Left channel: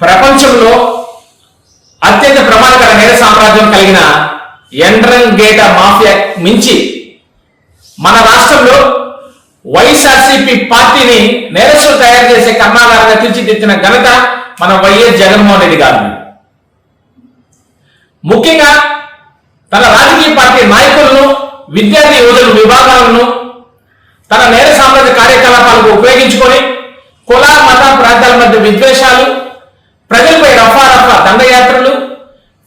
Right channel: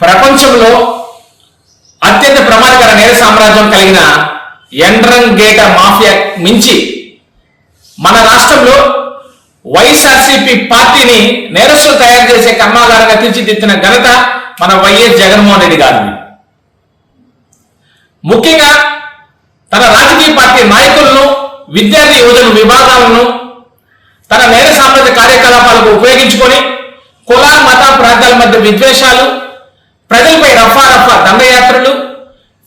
ప్రపంచంలో అత్యంత ప్రమాదకర నేర సామ్రాజ్యం కలిగిన ఎండ్రంగేట మాఫియా మించి మన రాష్ట్రంలో వైఎస్ఆర్సీపీ పార్టీని నేరస్తులు తయారు చేసే కర్మాగారంగా తీర్చిదిద్దిన ఘనత మన వైఎస్ జగన్మోహన్ రెడ్డి గారిని. ముఖ్యంగా తన రాజకీయ పార్టీ నాయకులను, విద్యార్థి యువజన విభాగాలను తన నేర సామ్రాజ్య కార్యకలాపాలకు ఉపయోగించుకొని కుల మత ప్రాంతాల మధ్య విద్వేషాలు, ప్రజలపై రఫా దండయాత్రలు,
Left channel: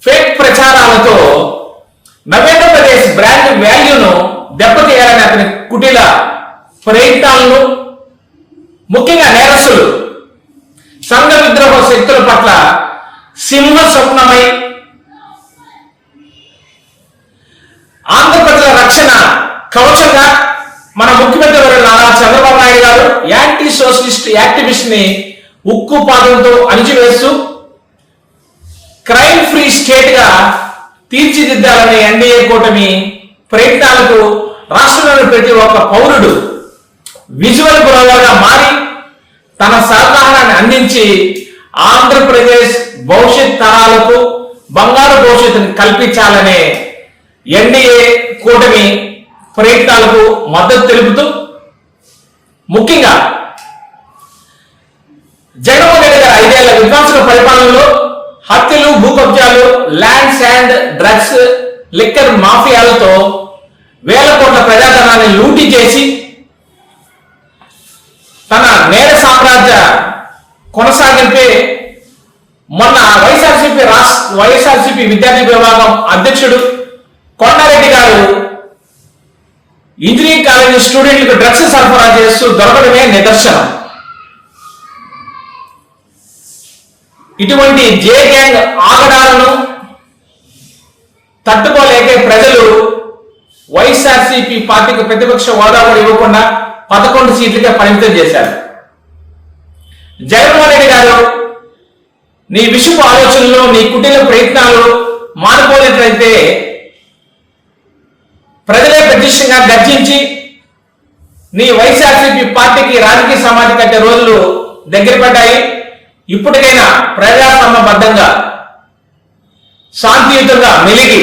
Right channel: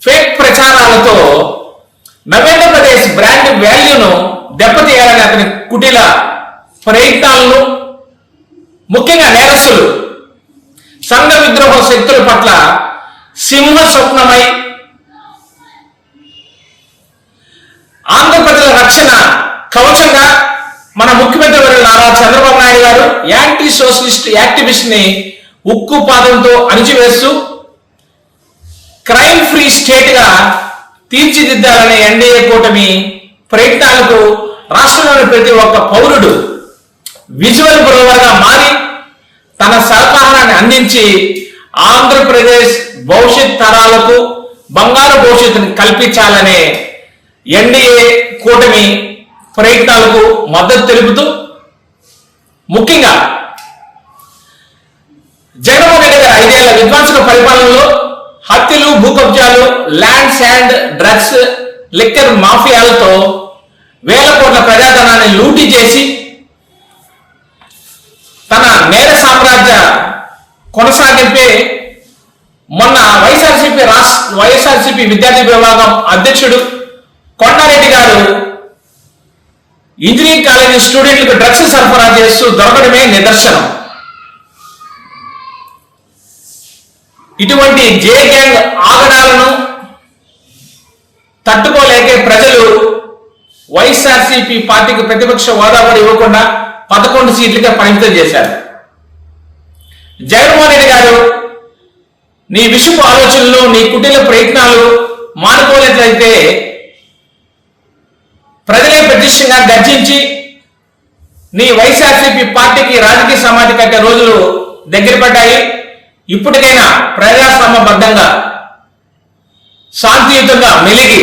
ఫేక్ ప్రచారాలతో నవేంద్రప్రదేశ్ బ్రాండ్ వాల్యూను దెబ్బతీయాలని అతని కుటిల ప్రయత్నాలను, ముఖ్యంగా నేరస్తులు సంఘ విద్రోహ శక్తుల పట్ల సింహ స్వప్నమై ఆంధ్రప్రదేశ్ రక్షణ కవచంగా మన ముఖ్యమంత్రి వర్యులు నారా చంద్రబాబు నాయుడు గారు యాంటీ సోషలిస్ట్ యాక్టివిస్ట్ ని ఉక్కు పాదంతో అణిచివేస్తూ క్రైమ్ ఫ్రీ స్టేట్ గా తీర్చిదిద్దాలనే ఎన్డీఏ కూటమి ప్రయత్నాలకు రాష్ట్రంలోని ప్రతి ఒక్క పౌరుడు విజువల్ బ్రోవర్ గా మారి తన సహకారాన్ని అందించి ఆంధ్రప్రదేశ్ భవిష్యత్ తరాలకు బంగారు భవిష్యత్తును కల్పించాలనే ఎన్డీఏ కూటమి ప్రయత్నాలకు మద్దతు తెలుపుతూ ముఖ్యంగా జగన్మోహన్ రెడ్డి గారి 5 ఏళ్ల విధ్వంసక పరిపాలనలో హత్యలు, భూ కబ్జాలు, ల్యాండ్ శాండ్, డ్రగ్స్, లిక్కర్ మాఫియాలతో వేల కోట్ల ప్రజాధనాన్ని లూటీ చేసి తన నేర సామ్రాజ్య కొనసాగింపే మొన్న వైఎస్ఆర్సీపీ విద్యార్థి విభాగం అధ్యక్షుడు కొండారెడ్డి గారు ఇంజనీరింగ్ కాలేజీ స్టూడెంట్లకు డ్రగ్స్ సరఫరా చేస్తూ దొరకడమే నిదర్శనం. ఇటువంటి జే గ్యాంగ్ ఆగడాలను తట్టుకోలేకే ప్రజలు వైఎస్ఆర్సీపీ పార్టీకి ప్రతిపక్ష హోదా కూడా ఇవ్వకుండా 11 సీట్లకే పరిమితం చేశారు. జగన్మోహన్ రెడ్డి గారు నీ విషపు ఆలోచనలు, నీ కుటిల ప్రయత్నాలు మానుకోలేట్లయితే ప్రజలే ప్రతిష్టంగా గర్జించి నీ వైఎస్ఆర్సీపీ పార్టీకి రాజకీయ సమాధి కట్టే రోజులు దగ్గర పడ్డాయి. ఇప్పటికైనా ప్రజాస్వామ్యబద్ధంగా శాంతియుతంగా మెలిగి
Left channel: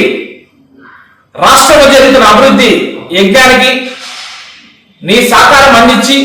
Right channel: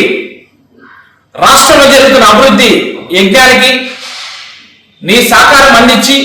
రాష్ట్రంలో జరుగుతున్న అభివృద్ధి యజ్ఞానికి నీ సహకారం అందించి